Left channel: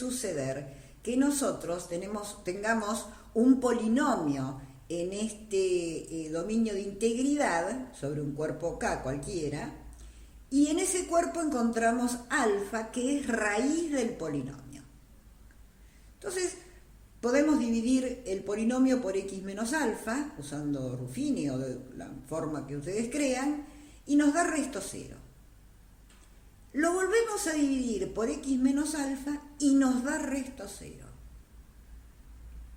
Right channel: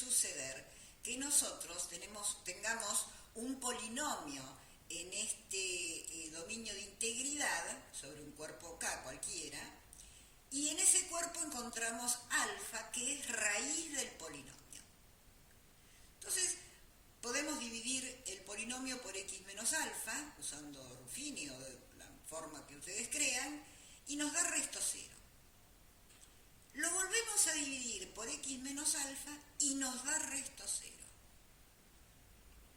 suceder que nosotros tengamos un polinomio en este dominio de integridad sobre un cuerpo K cualquiera, y en ese cuerpo encontramos alfa, que es raíz del polinomio. Entonces, podemos dividir el polinomio por x menos alfa, usando Ruffini o de la forma que ustedes crean, y nos da resto cero. Lo volvemos a dividir por x menos alfa y nos da resto cero.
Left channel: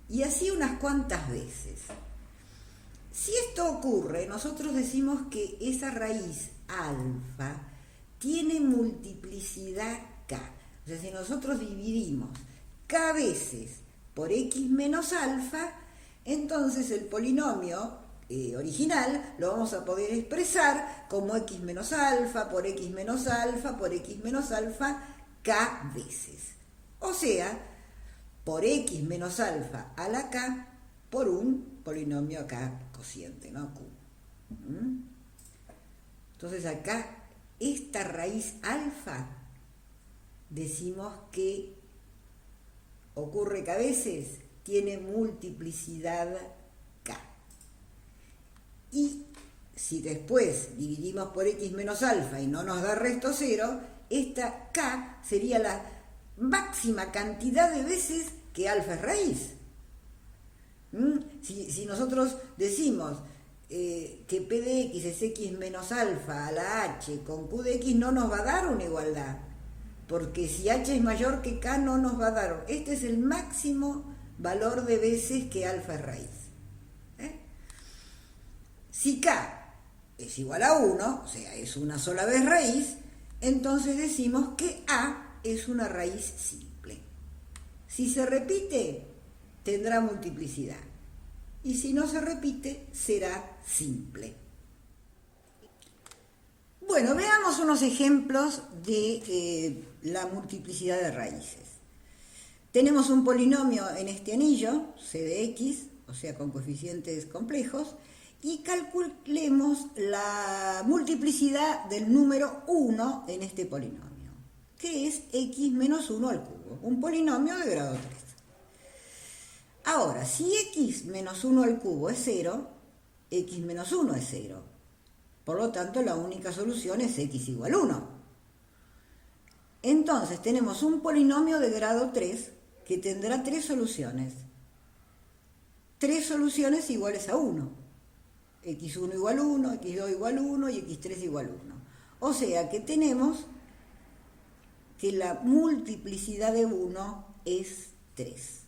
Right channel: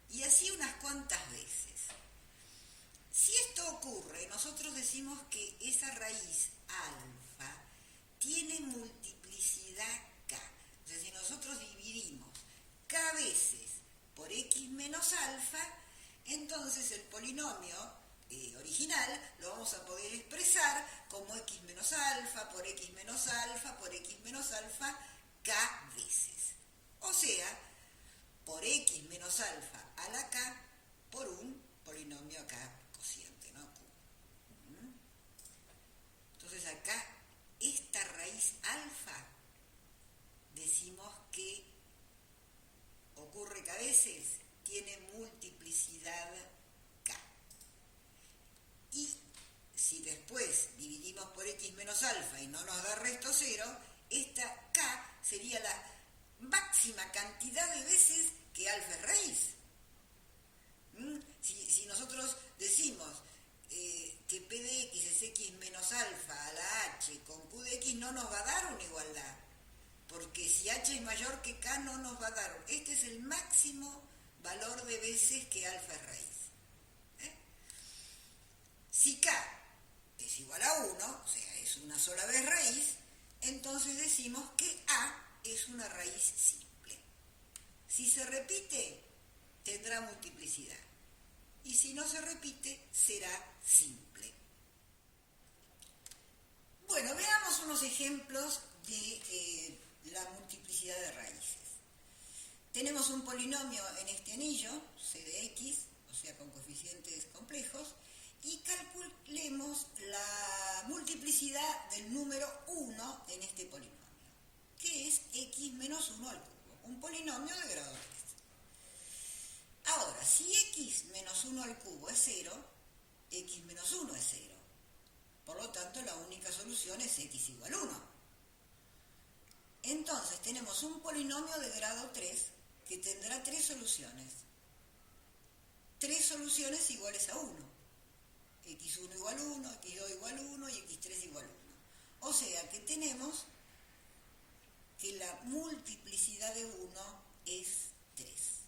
Y así unas cuantas veces. Si esto ocurre, nosotros decimos que esa raíz alfa tiene multiplicidad k. O sea, si nosotros dividimos k veces por x menos alfa, entonces el polinomio original lo vamos a poder expresar como x menos alfa por x menos alfa por x menos alfa k veces. O sea, por x menos alfa a la k por un polinomio acá cociente, ¿no? Q. Entonces acá, esta raíz alfa, decimos que ocurre que a veces tiene multiplicidad k. Y si después dividimos por x menos alfa y no nos da resto cero, esta k sería la máxima cantidad de veces que alfa es raíz. Si nosotros decimos que p de x es x menos alfa a la h con q de x, no nos va a dar una igualdad, porque si h es mayor que k no nos va a dar. Este es el máximo valor de veces que alfa es raíz. Si k es igual a 1, o sea, es una sola vez raíz, entonces decimos que a es una raíz simple. Si se repite, tendrá multiplicidad. Y si no se repite, será simple. Bueno, veamos unos ejemplos de la multiplicidad de raíces. Tenemos un polinomio en este anillo, c de x, o sea, con coeficientes complejos, y calculemos la multiplicidad del número 1 en este polinomio, que es x menos 1 al cubo, un polinomio de grado 3. Ahora, si x menos 1 al cubo es 0, x menos 1 es 0. Por lo tanto, la única solución es x igual 1. Entonces, tenemos un polinomio de grado 3 que tendrá 3 soluciones. 3 soluciones iguales a 1. x1 igual 1, x2 igual 1 y x3 igual 1. O sea que tenemos que la multiplicidad de 1 es 3.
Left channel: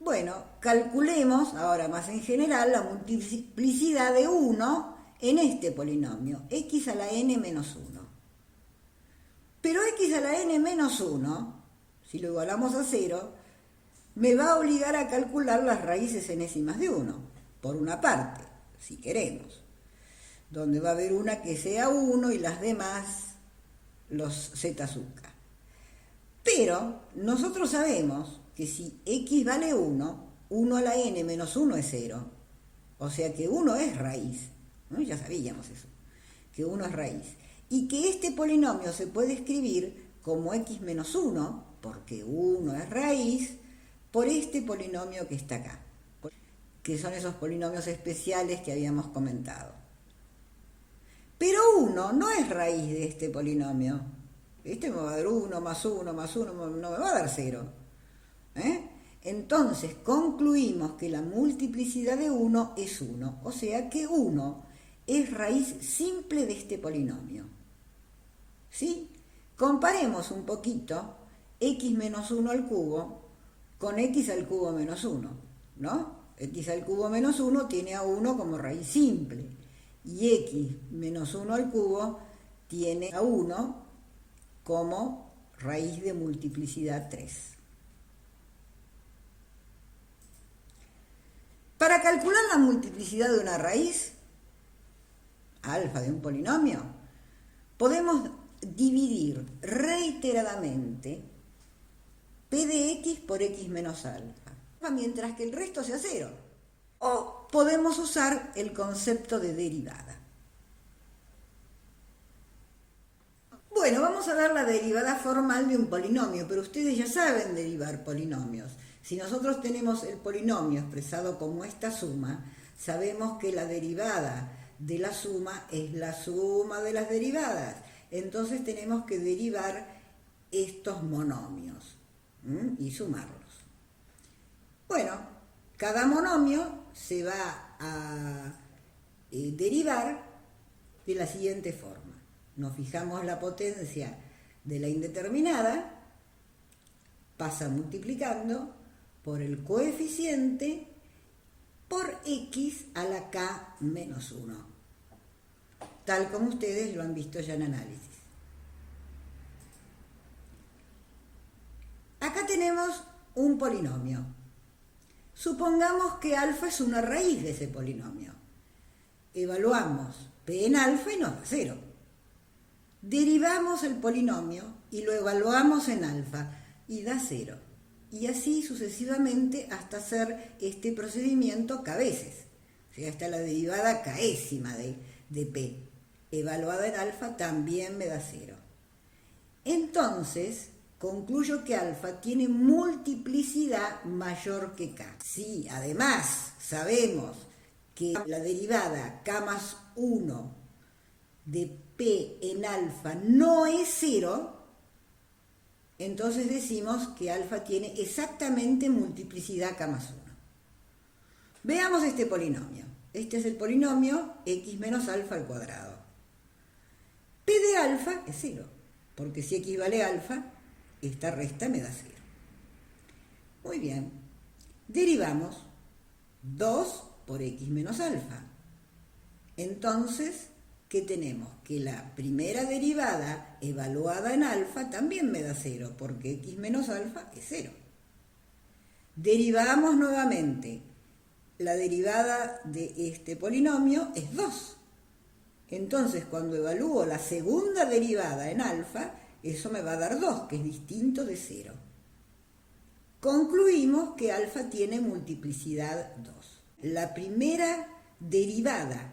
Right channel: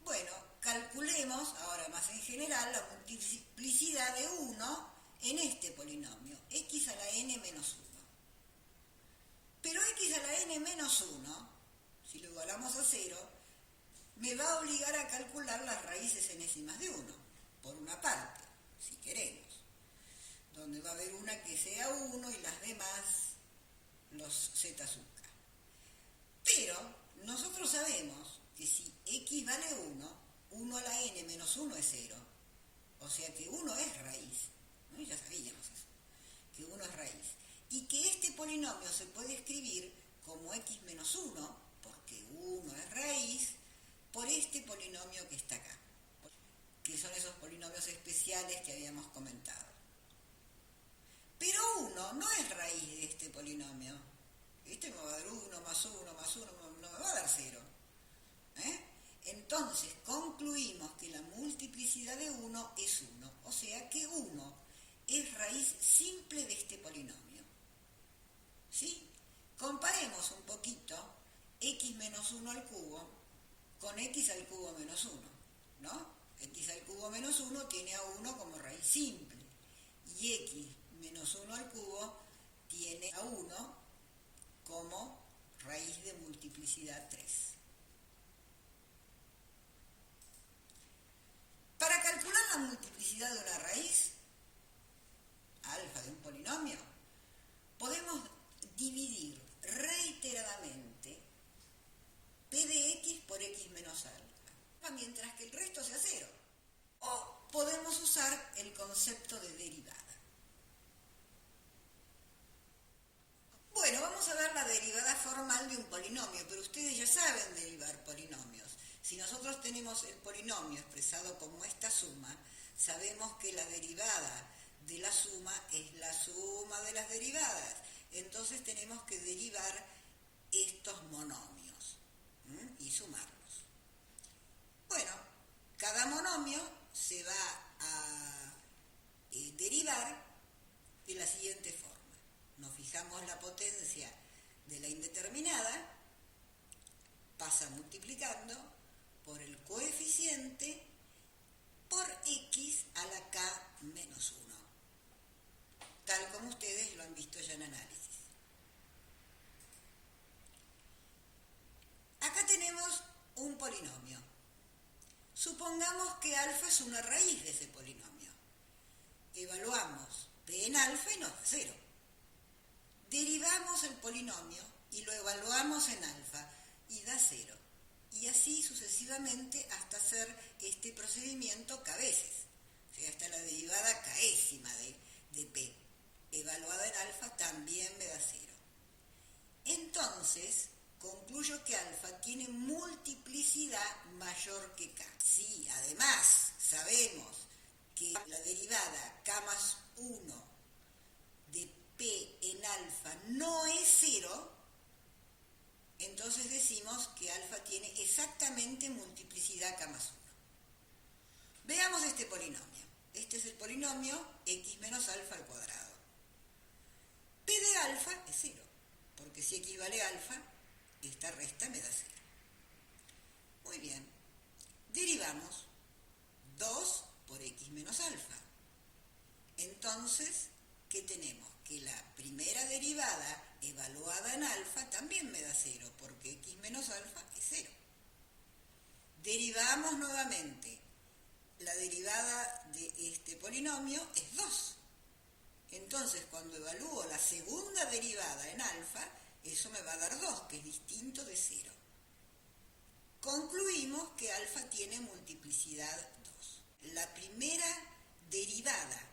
Bueno, calculemos ahora más en general la multiplicidad de 1 en este polinomio, x a la n menos 1. Pero x a la n menos 1, si lo igualamos a 0, me va a obligar a calcular las raíces enésimas de 1, por una parte, si queremos, donde va a haber una que sea 1 y las demás los z sub k. Pero nosotros sabemos que si x vale 1, 1 a la n menos 1 es 0. O sea que 1 es raíz, ¿no? Ya sabíamos eso, que 1 es raíz. Y que este polinomio se puede escribir como x menos 1, porque 1 es raíz, por este polinomio que está acá, que son esos polinomios especiales que habíamos comentado. Pero 1 no es raíz de este polinomio. Este me va a dar 1 más 1 más 1, no me va a dar 0. Entonces concluimos que la multiplicidad de 1 es 1, o sea que 1 es raíz simple de este polinomio. ¿Sí? Comparemos un poquito x menos 1 al cubo con x al cubo menos 1, ¿no? X al cubo menos 1 tiene a 1 como raíz simple, y x menos 1 al cubo tiene a 1 como raíz de multiplicidad 3. Para calcular la multiplicidad de una raíz, alfa de un polinomio, podemos dividir reiteradamente p de x por x menos alfa, mientras que el resto sea 0. O podemos usar el concepto de derivada. Bueno, vamos a ver la derivada formal de un polinomio, pero ustedes ya saben derivar polinomios. Si nosotros tenemos el polinomio expresado como esta suma, sabemos que la derivada de la suma es la suma de las derivadas. Entonces tenemos que derivar estos monomios y sumarlos. Bueno, cada monomio se va a derivar de la siguiente forma. Nos fijamos la potencia de la indeterminada, pasa multiplicando por el coeficiente por x a la k menos 1, tal como ustedes lo han visto ya en análisis. Acá tenemos un polinomio. Supongamos que alfa es una raíz de ese polinomio. Evaluamos p en alfa y nos da 0. Derivamos el polinomio y lo evaluamos en alfa y da 0. Y así sucesivamente hasta hacer este procedimiento k veces. O sea, hasta la derivada késima de p. Evaluada en alfa también me da 0. Entonces, concluyo que alfa tiene multiplicidad mayor que k. Si además sabemos que la derivada k más 1 de p en alfa no es 0, entonces decimos que alfa tiene exactamente multiplicidad k más 1. Veamos este polinomio. Este es el polinomio x menos alfa al cuadrado. P de alfa es 0, porque si x vale alfa, esta resta me da 0. Muy bien. Derivamos 2 por x menos alfa. Entonces, ¿qué tenemos? Que la primera derivada evaluada en alfa también me da 0, porque x menos alfa es 0. Derivamos nuevamente. La derivada de este polinomio es 2. Entonces, cuando evalúo la segunda derivada en alfa, eso me va a dar 2, que es distinto de 0. Concluimos que alfa tiene multiplicidad 2. La primera derivada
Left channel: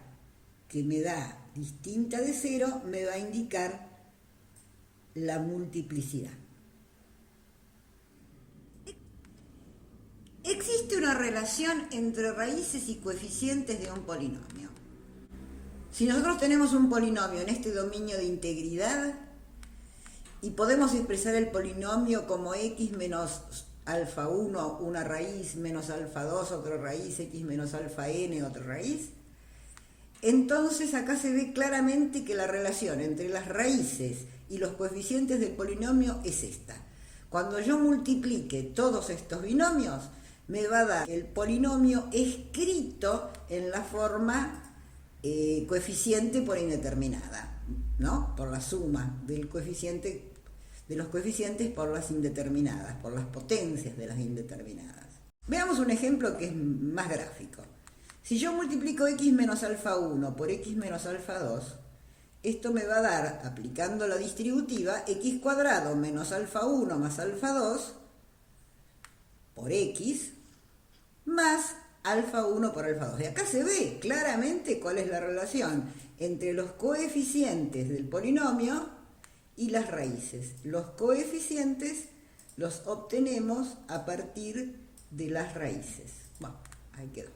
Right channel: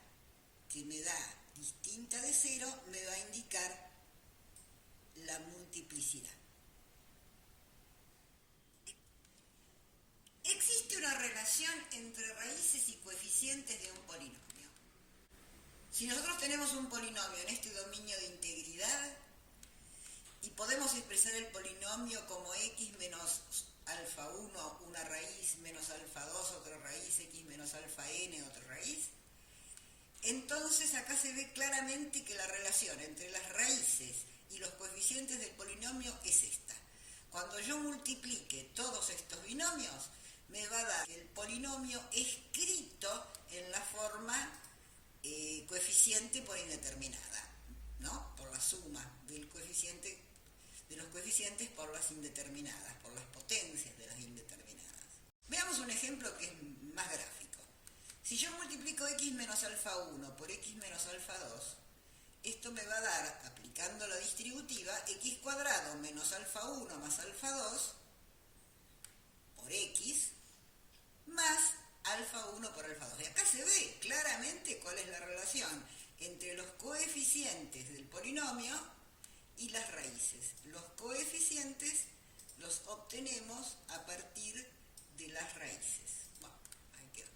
que me da distinta de 0 me va a indicar la multiplicidad. Existe una relación entre raíces y coeficientes de un polinomio. Si nosotros tenemos un polinomio en este dominio de integridad y podemos expresar el polinomio como x menos alfa 1, una raíz, menos alfa 2, otra raíz, x menos alfa n, otra raíz, entonces acá se ve claramente que la relación entre las raíces y los coeficientes del polinomio es esta. Cuando yo multiplique todos estos binomios, me va a dar el polinomio escrito en la forma coeficiente por indeterminada, ¿no? Por la suma del coeficiente, de los coeficientes por las indeterminadas, por las potencias de las indeterminadas. Veamos un ejemplo que es más gráfico. Si yo multiplico x menos alfa 1 por x menos alfa 2, esto me va a dar, aplicando la distributiva, x cuadrado menos alfa 1 más alfa 2 por x más alfa 1 por alfa 2. De acá se ve claramente cuál es la relación entre los coeficientes del polinomio y las raíces. Los coeficientes los obtenemos a partir de las raíces. Bueno, ahí quedó.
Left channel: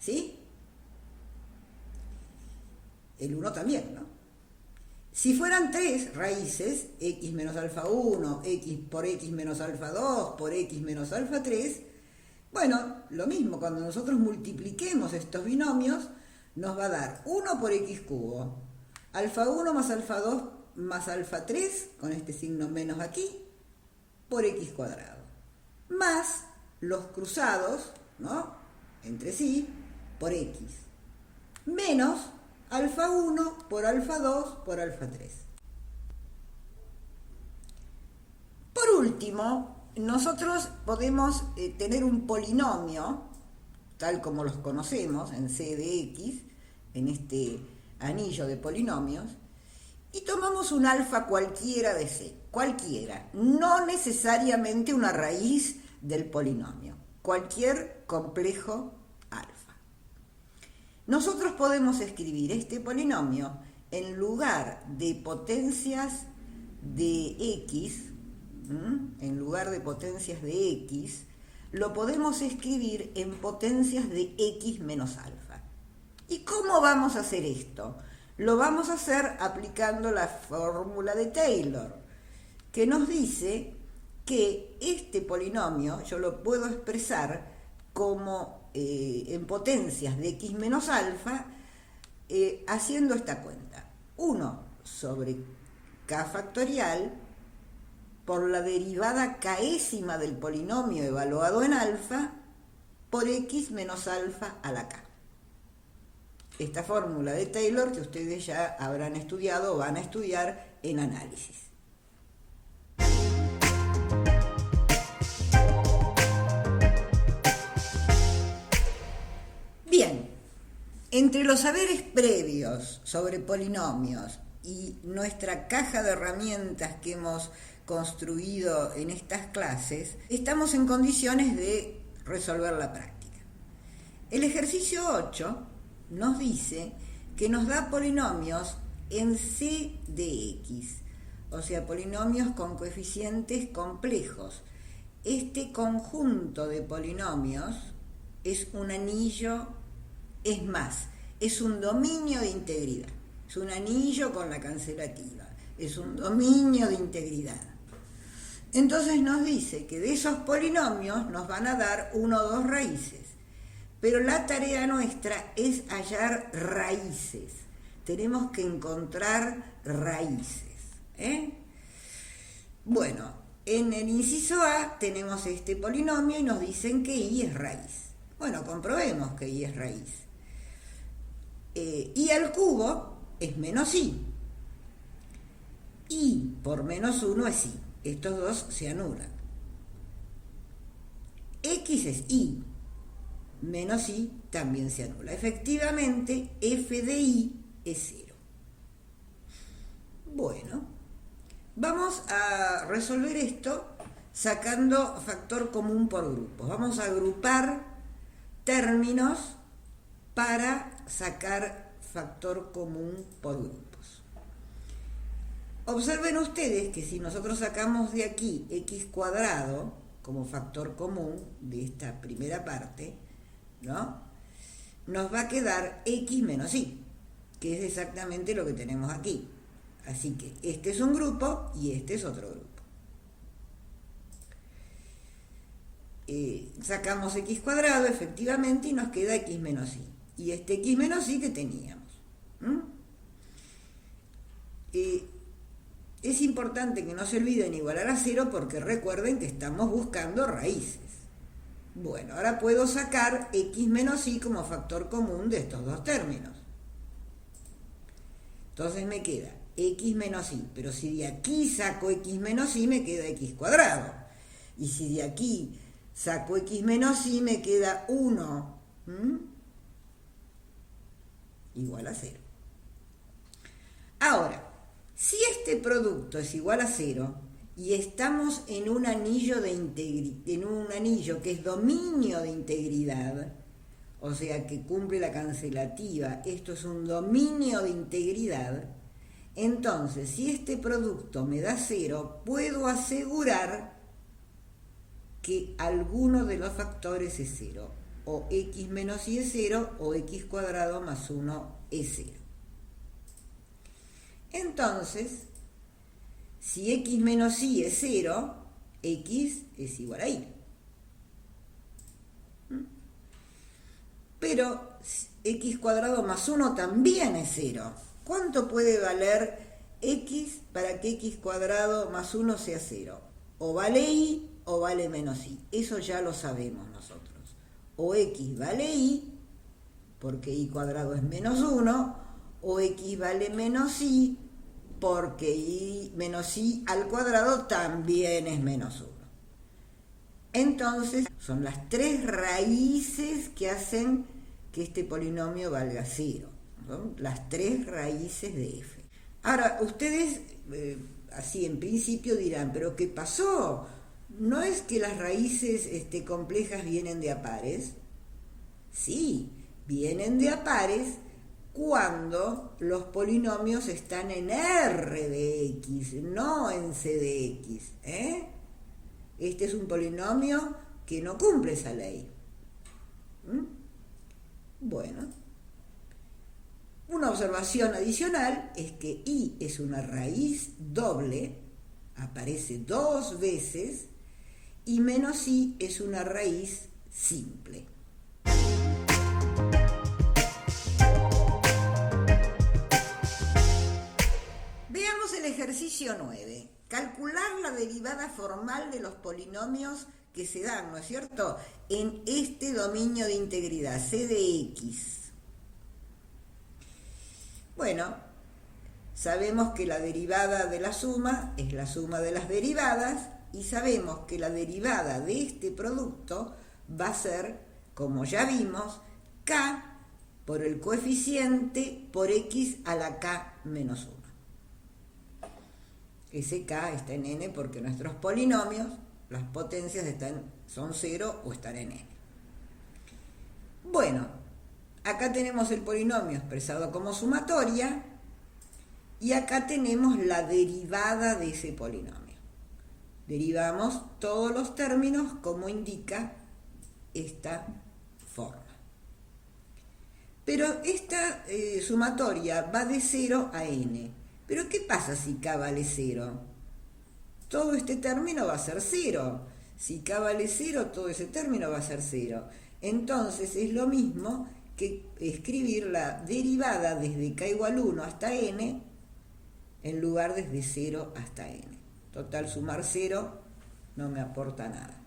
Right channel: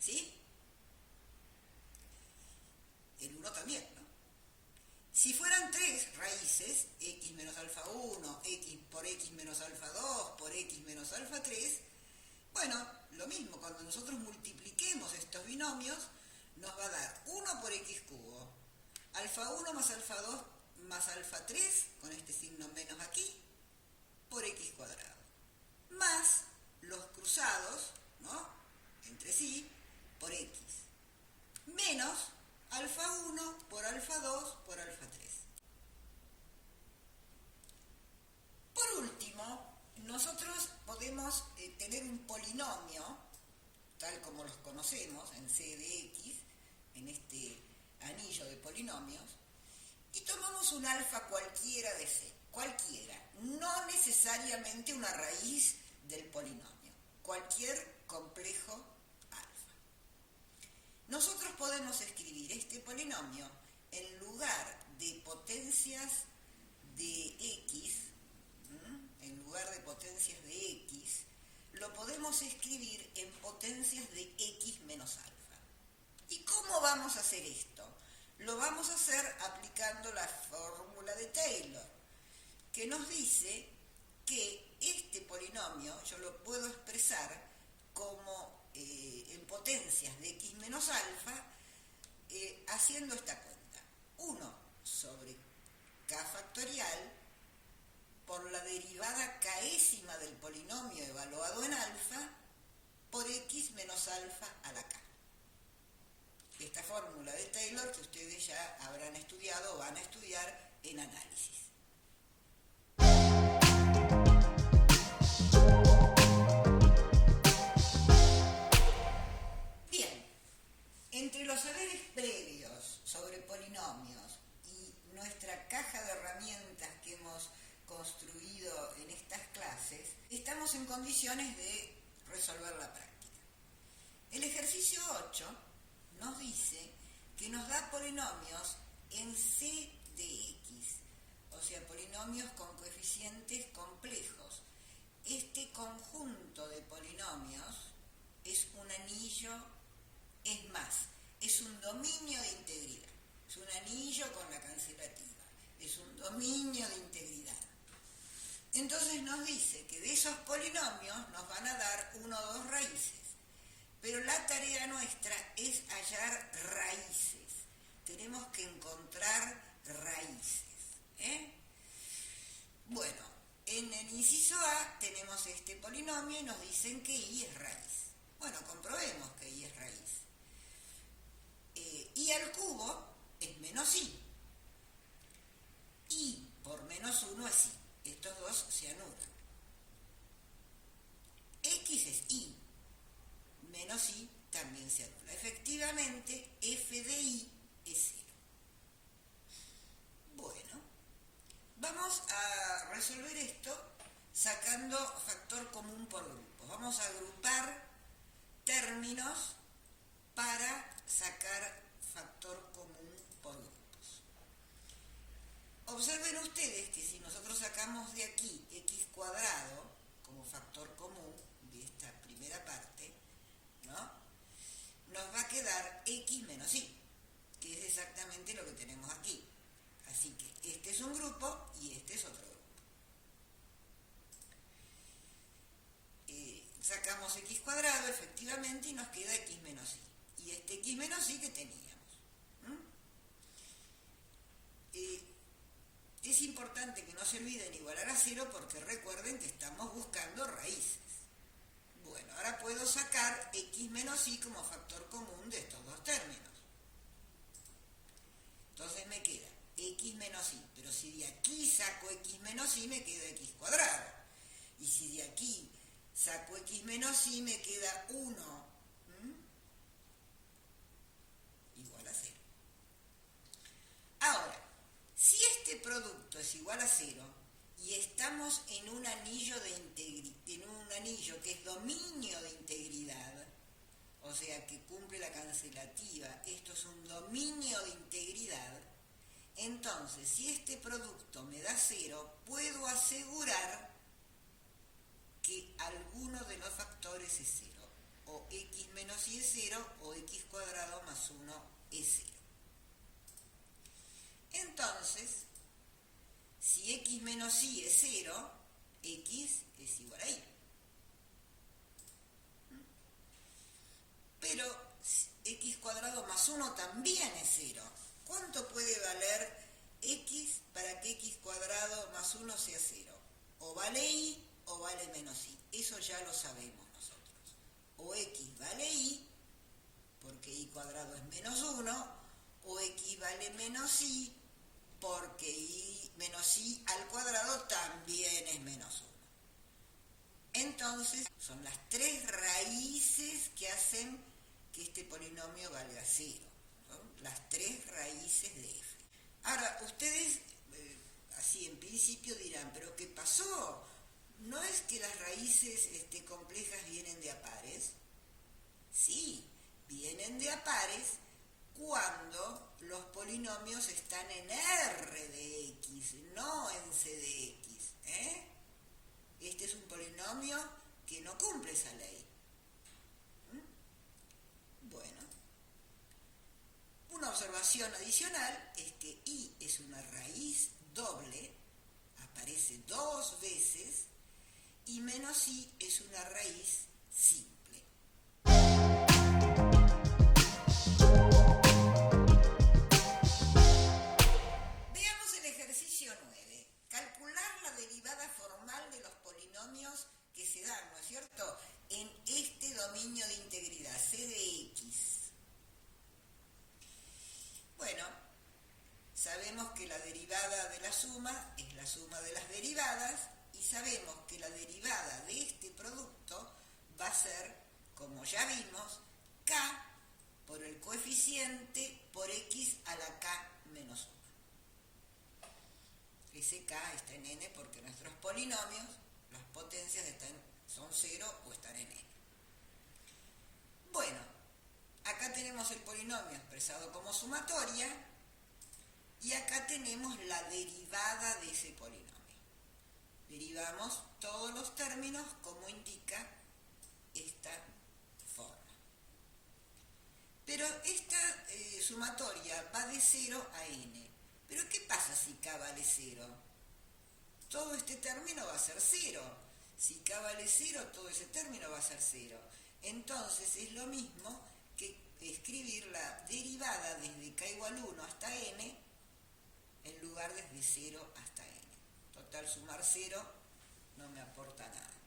¿Sí? El 1 también, ¿no? Si fueran 3 raíces, x menos alfa 1, x por x menos alfa 2, por x menos alfa 3, bueno, lo mismo, cuando nosotros multipliquemos estos binomios, nos va a dar 1 por x cubo, alfa 1 más alfa 2 más alfa 3, con este signo menos aquí, por x cuadrado, más los cruzados, ¿no?, entre sí, por x, menos alfa 1 por alfa 2 por alfa 3. Por último, nosotros podemos tener un polinomio, tal como los conocemos, en C de X, en este anillo de polinomios, y tomamos un alfa cualquiera de C, cualquiera, no necesariamente una raíz del polinomio, cualquier complejo alfa. Nosotros podemos escribir este polinomio en lugar de potencias de x, en lugar de potencias de x, lo podemos escribir en potencias de x menos alfa. ¿Y cómo vamos a hacer esto? Lo vamos a hacer aplicando la fórmula de Taylor, que nos dice que este polinomio yo lo puedo expresar como en potencias de x menos alfa, haciendo esta cuenta. 1 sobre k factorial por la derivada késima del polinomio evaluado en alfa por x menos alfa a la k. Esta fórmula de Taylor que ustedes ya habrán estudiado o van a estudiar en análisis. Bien, entre los saberes previos sobre polinomios y nuestra caja de herramientas que hemos construido en estas clases, estamos en condiciones de resolver la práctica. El ejercicio 8 nos dice que nos da polinomios en C de X, o sea, polinomios con coeficientes complejos. Este conjunto de polinomios es un anillo, es más, es un dominio de integridad, es un anillo con la cancelativa, es un dominio de integridad. Entonces nos dice que de esos polinomios nos van a dar 1 o 2 raíces, pero la tarea nuestra es hallar raíces. Tenemos que encontrar raíces. Bueno, en el inciso A tenemos este polinomio y nos dicen que y es raíz. Bueno, comprobemos que y es raíz. Y al cubo es menos i. Y por menos 1 es i. Estos dos se anulan. X es i. Menos i también se anula. Efectivamente, f de i es 0. Bueno, vamos a resolver esto sacando factor común por grupos. Vamos a agrupar términos para sacar factor común por grupos. Observen ustedes que si nosotros sacamos de aquí x cuadrado como factor común de esta primera parte, ¿no?, nos va a quedar x menos i, que es exactamente lo que tenemos aquí. Así que este es un grupo y este es otro grupo. Sacamos x cuadrado efectivamente y nos queda x menos i. Y este x menos i que teníamos. Es importante que no se olviden igualar a 0 porque recuerden que estamos buscando raíces. Bueno, ahora puedo sacar x menos i como factor común de estos dos términos. Entonces me queda x menos i, pero si de aquí saco x menos i me queda x cuadrado. Y si de aquí saco x menos i me queda 1 igual a 0. Ahora, si este producto es igual a 0 y estamos en un anillo que es dominio de integridad, o sea que cumple la cancelativa, esto es un dominio de integridad, entonces si este producto me da 0, puedo asegurar que alguno de los factores es 0, o x menos i es 0, o x cuadrado más 1 es 0. Entonces, si x menos i es 0, x es igual a y. Pero x cuadrado más 1 también es 0. ¿Cuánto puede valer x para que x cuadrado más 1 sea 0? O vale y o vale menos y. Eso ya lo sabemos nosotros. O x vale y, porque y cuadrado es menos 1, o x vale menos y, porque y menos y al cuadrado también es menos 1. Entonces, son las 3 raíces que hacen que este polinomio valga 0. Son las 3 raíces de f. Ahora, ustedes, así en principio dirán, ¿pero qué pasó? ¿No es que las raíces complejas vienen de a pares? Sí, vienen de a pares, cuando los polinomios están en R de X, no en C de X. Este es un polinomio que no cumple esa ley. Bueno, una observación adicional es que I es una raíz doble, aparece 2 veces, y menos I es una raíz simple. Veamos el ejercicio 9. Calcular la derivada formal de los polinomios que se dan, ¿no es cierto?, en este dominio de integridad, C de X. Bueno, sabemos que la derivada de la suma es la suma de las derivadas y sabemos que la derivada de este producto va a ser, como ya vimos, K por el coeficiente por X a la K menos 1. Ese K está en N porque nuestros polinomios, las potencias son 0 o están en N. Bueno, acá tenemos el polinomio expresado como sumatoria y acá tenemos la derivada de ese polinomio. Derivamos todos los términos como indica esta forma. Pero esta sumatoria va de 0 a N. ¿Pero qué pasa si K vale 0? Todo este término va a ser 0. Si K vale 0, todo ese término va a ser 0. Entonces es lo mismo que escribir la derivada desde K igual 1 hasta N en lugar desde 0 hasta N. Total, sumar 0 no me aporta nada.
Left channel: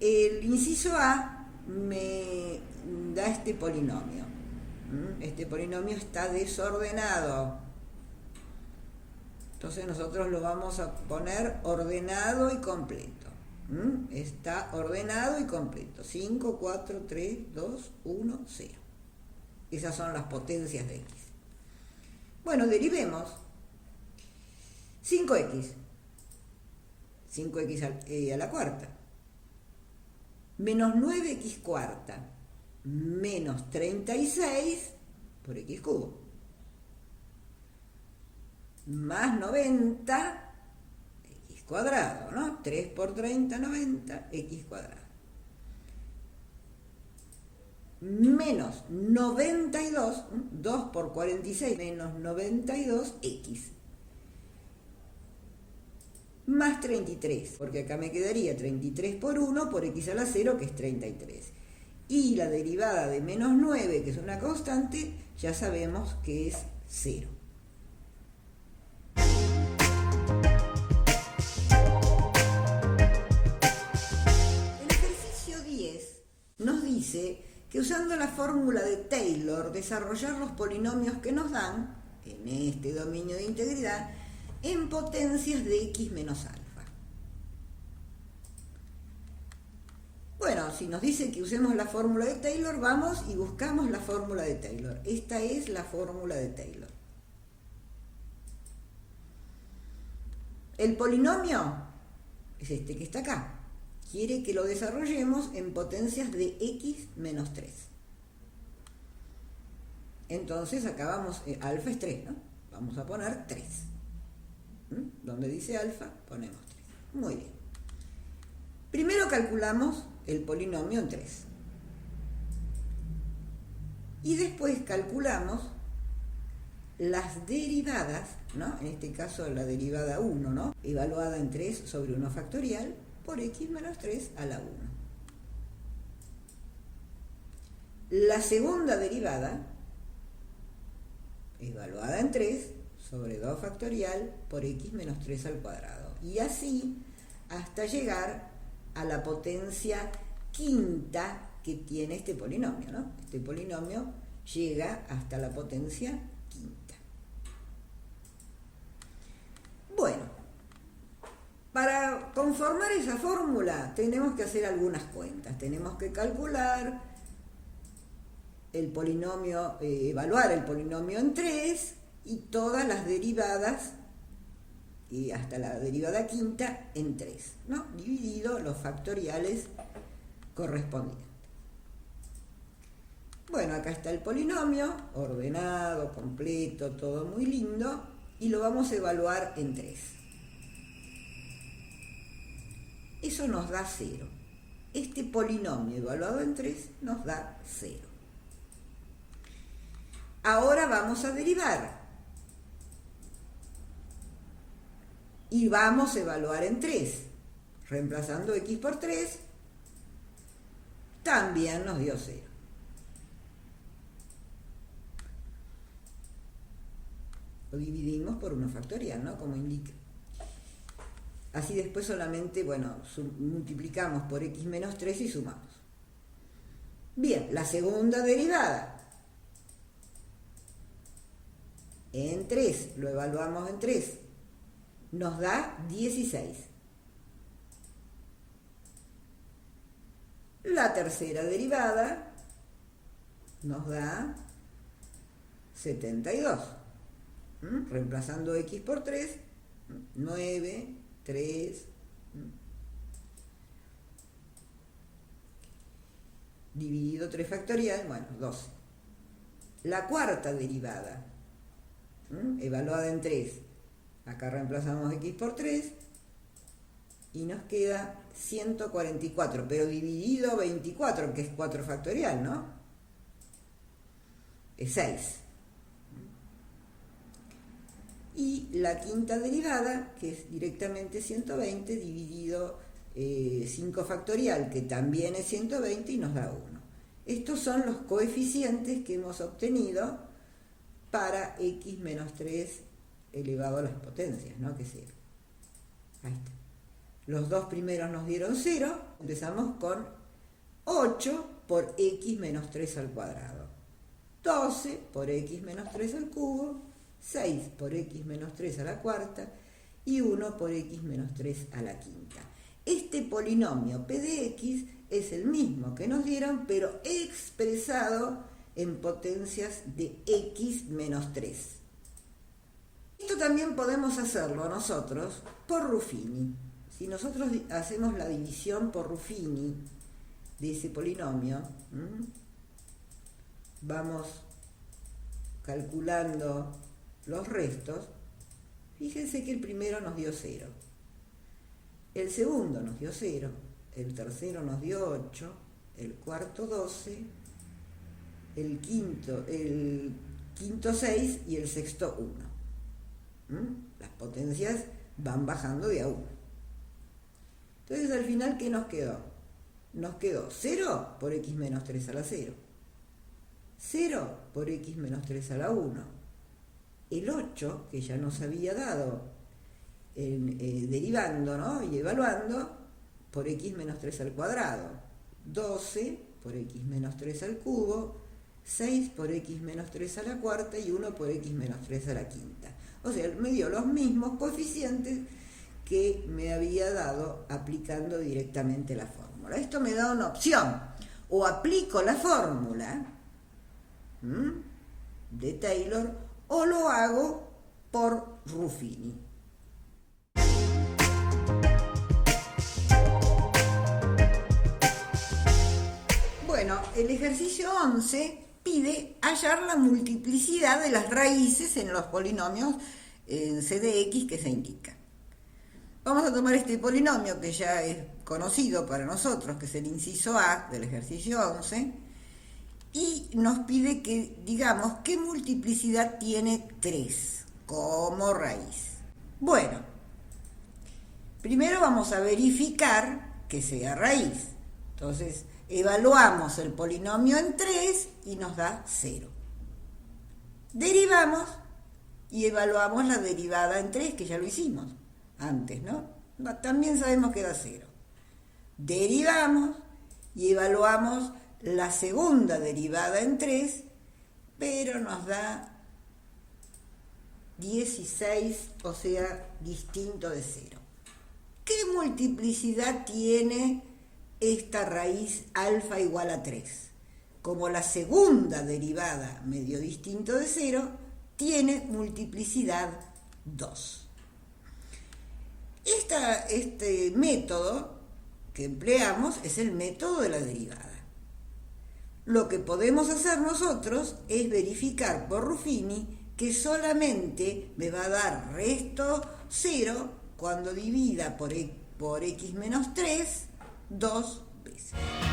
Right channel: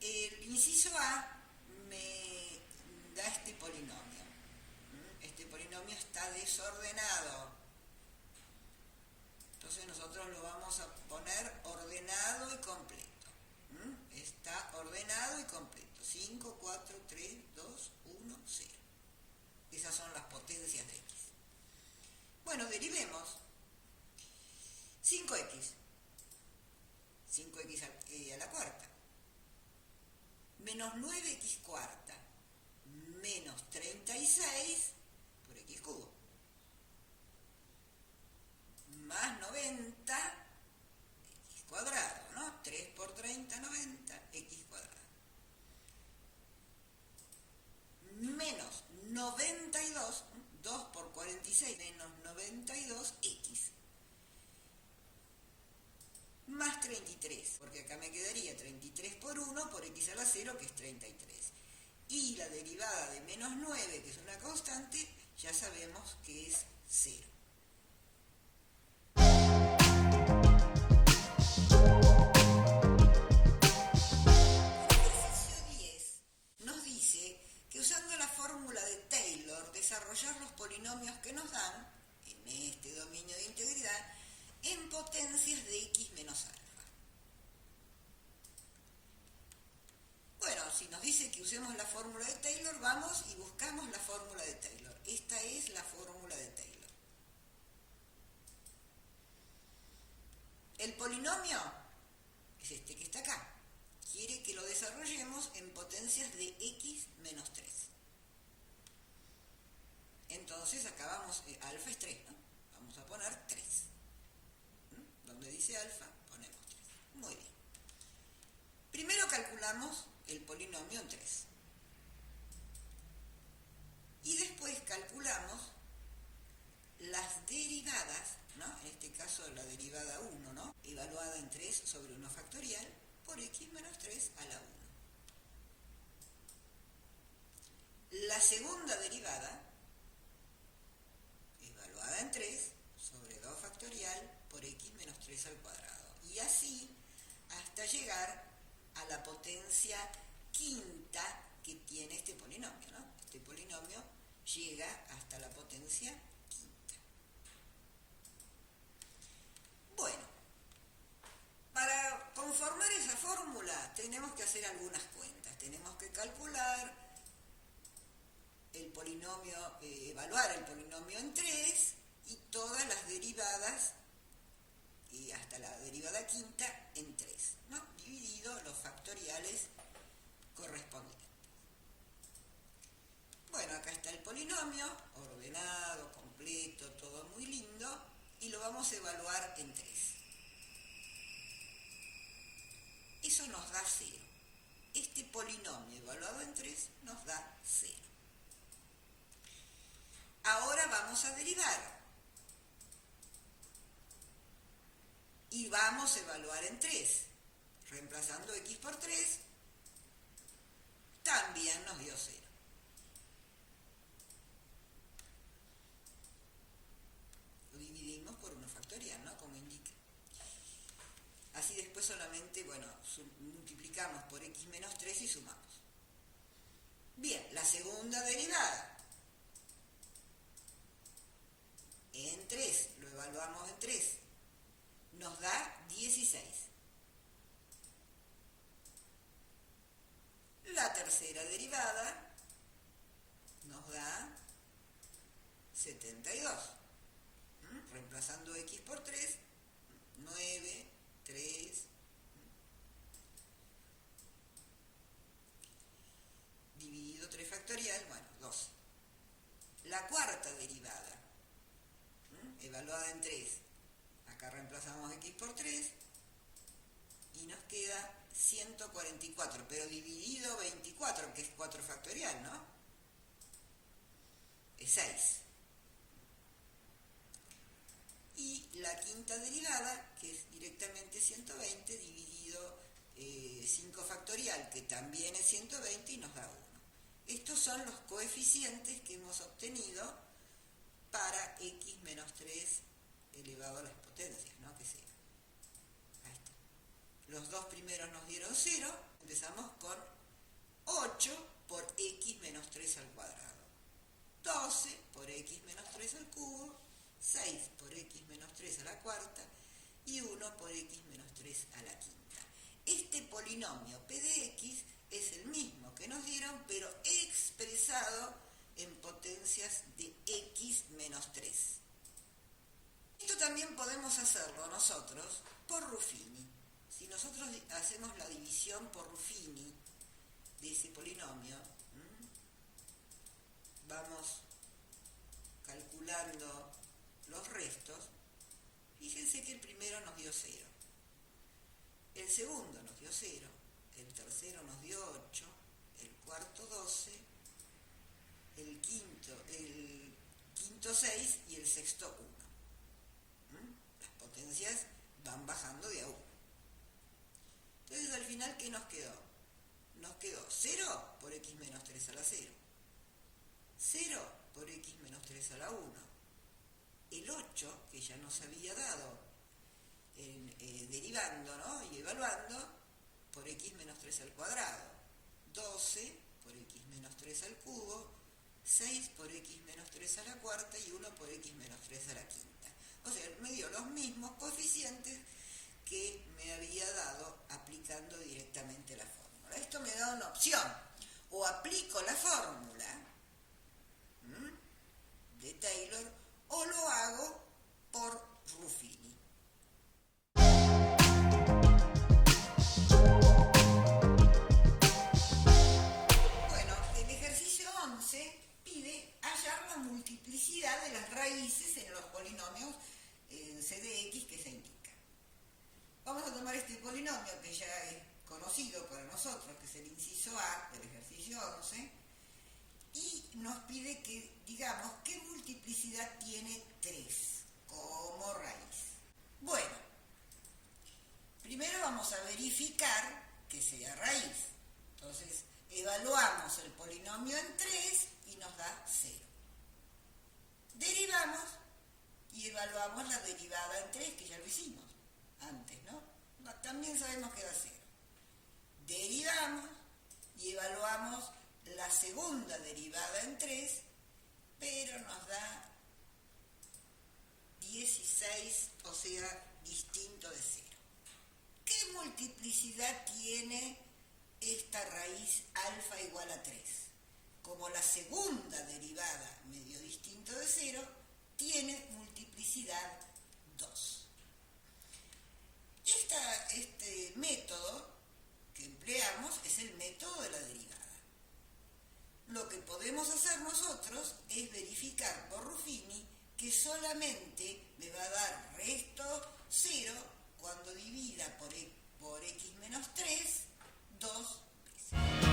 El inciso A me da este polinomio. Este polinomio está desordenado. Entonces nosotros lo vamos a poner ordenado y completo. Está ordenado y completo. 5, 4, 3, 2, 1, 0. Esas son las potencias de X. Bueno, derivemos. 5X. 5X a la cuarta. Menos 9X cuarta. Menos 36 por X cubo. Más 90, X cuadrado, ¿no? 3 por 30, 90, X cuadrado. Menos 92, 2 por 46, menos 92X. Más 33, porque acá me quedaría 33 por 1 por X a la 0, que es 33. Y la derivada de menos 9, que es una constante, ya sabemos que es 0. El ejercicio 10 nos dice que usando la fórmula de Taylor, desarrollar los polinomios que nos dan, en este dominio de integridad, en potencias de X menos alfa. Bueno, si nos dice que usemos la fórmula de Taylor, vamos y buscamos la fórmula de Taylor. Esta es la fórmula de Taylor. El polinomio es este que está acá. Quiere que lo desarrollemos en potencias de X menos 3. Entonces acá vamos, alfa es 3, ¿no? Vamos a poner 3. Donde dice alfa, ponemos 3. Muy bien. Primero calculamos el polinomio en 3. Y después calculamos las derivadas, ¿no? En este caso la derivada 1, ¿no? Evaluada en 3 sobre 1 factorial por X menos 3 a la 1. La segunda derivada, evaluada en 3 sobre 2 factorial por X menos 3 al cuadrado. Y así hasta llegar a la potencia quinta que tiene este polinomio, ¿no? Este polinomio llega hasta la potencia quinta. Bueno, para conformar esa fórmula tenemos que hacer algunas cuentas. Tenemos que calcular el polinomio, evaluar el polinomio en 3 y todas las derivadas y hasta la derivada quinta en 3, ¿no? Dividido los factoriales correspondientes. Bueno, acá está el polinomio, ordenado, completo, todo muy lindo, y lo vamos a evaluar en 3. Eso nos da 0. Este polinomio evaluado en 3 nos da 0. Ahora vamos a derivar. Y vamos a evaluar en 3. Reemplazando x por 3, también nos dio 0. Lo dividimos por 1 factorial, ¿no? Como indica. Así después solamente, bueno, multiplicamos por x menos 3 y sumamos. Bien, la segunda derivada. En 3, lo evaluamos en 3. Nos da 16. La tercera derivada nos da 72. Reemplazando x por 3, 9, 3. Dividido 3 factorial, bueno, 12. La cuarta derivada, evaluada en 3. Acá reemplazamos x por 3 y nos queda 144, pero dividido 24, que es 4 factorial, ¿no? Es 6. Y la quinta derivada, que es directamente 120, dividido 5 factorial, que también es 120 y nos da 1. Estos son los coeficientes que hemos obtenido para x menos 3 elevado a las potencias, ¿no? Que sea. Ahí está. Los dos primeros nos dieron 0. Empezamos con 8 por x menos 3 al cuadrado. 12 por x menos 3 al cubo. 6 por x menos 3 a la cuarta. Y 1 por x menos 3 a la quinta. Este polinomio p de x es el mismo que nos dieron, pero expresado en potencias de x menos 3. Esto también podemos hacerlo nosotros por Ruffini. Si nosotros hacemos la división por Ruffini de ese polinomio, vamos calculando los restos. Fíjense que el primero nos dio 0, el segundo nos dio 0, el tercero nos dio 8, el cuarto 12, el quinto 6 y el sexto 1. Las potencias van bajando de a 1. Entonces al final, ¿qué nos quedó? Nos quedó 0 por x menos 3 a la 0, 0 por x menos 3 a la 1, el 8, que ya nos había dado derivando, ¿no? Y evaluando, por x menos 3 al cuadrado, 12 por x menos 3 al cubo, 6 por x menos 3 a la cuarta y 1 por x menos 3 a la quinta. O sea, me dio los mismos coeficientes que me había dado aplicando directamente la fórmula. Esto me da una opción. O aplico la fórmula de Taylor o lo hago por Ruffini. Bueno, el ejercicio 11 pide hallar la multiplicidad de las raíces en los polinomios en c de x que se indican. Vamos a tomar este polinomio que ya es conocido para nosotros, que es el inciso A del ejercicio 11, y nos pide que digamos qué multiplicidad tiene 3 como raíz. Bueno, primero vamos a verificar que sea raíz. Entonces, evaluamos el polinomio en 3 y nos da 0. Derivamos y evaluamos la derivada en 3, que ya lo hicimos antes, ¿no? También sabemos que da 0. Derivamos y evaluamos la segunda derivada en 3, pero nos da 16, o sea, distinto de 0. ¿Qué multiplicidad tiene esta raíz alfa igual a 3? Como la segunda derivada medio distinto de 0, tiene multiplicidad 2. Este método que empleamos es el método de la derivada. lo que podemos hacer nosotros es verificar por Ruffini que solamente me va a dar resto 0 cuando divida por x menos 3 dos veces.